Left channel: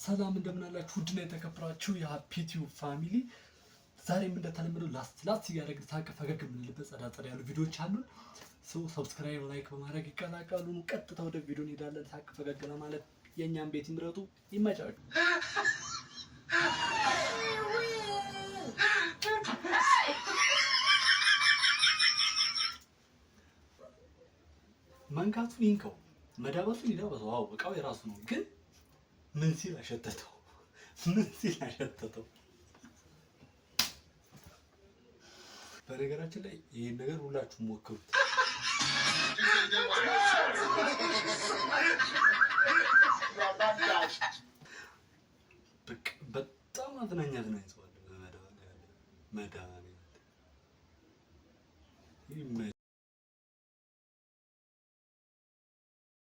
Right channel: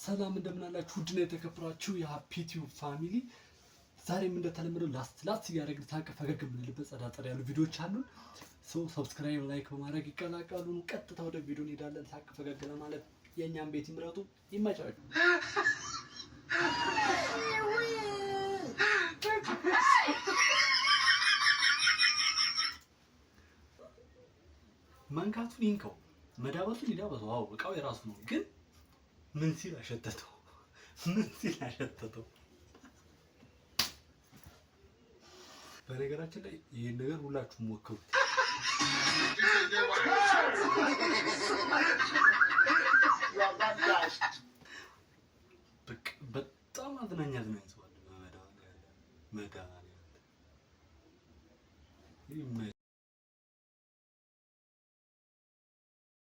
ሰላም እንደምን አላችሁ? ውድና የተከበራችሁ የሃፒ ቲዩብ ፋሚሊ፣ ዛሬም እንደተለመደው ላስት እያደረግን ሳቅ ፈገግ የምንልበት ጸዳ ያሉ ቪዲዮዎች አሉን። ሰው ሰብስክራይብ፣ ላይክ በማድረግ ይቀላቀሉ። ቀጥታ ወደ ቪዲዮ እንሄዳለን። ሳቅ ፈገግ ለማለት የእኛም ቤት ይምረጡ። ይመቻችሁ። መንካቱን ይንከው፣ መዳበሱን ይዳበሰው። አዎ እቃው የራሱ ነው፣ ግን ምን ሲል አሸተተው? በነገራችን ላይ ይሄን ነገር ሁላችሁም ሞክሩት። በጣም አዝናኝ ሰው አለ። መዳን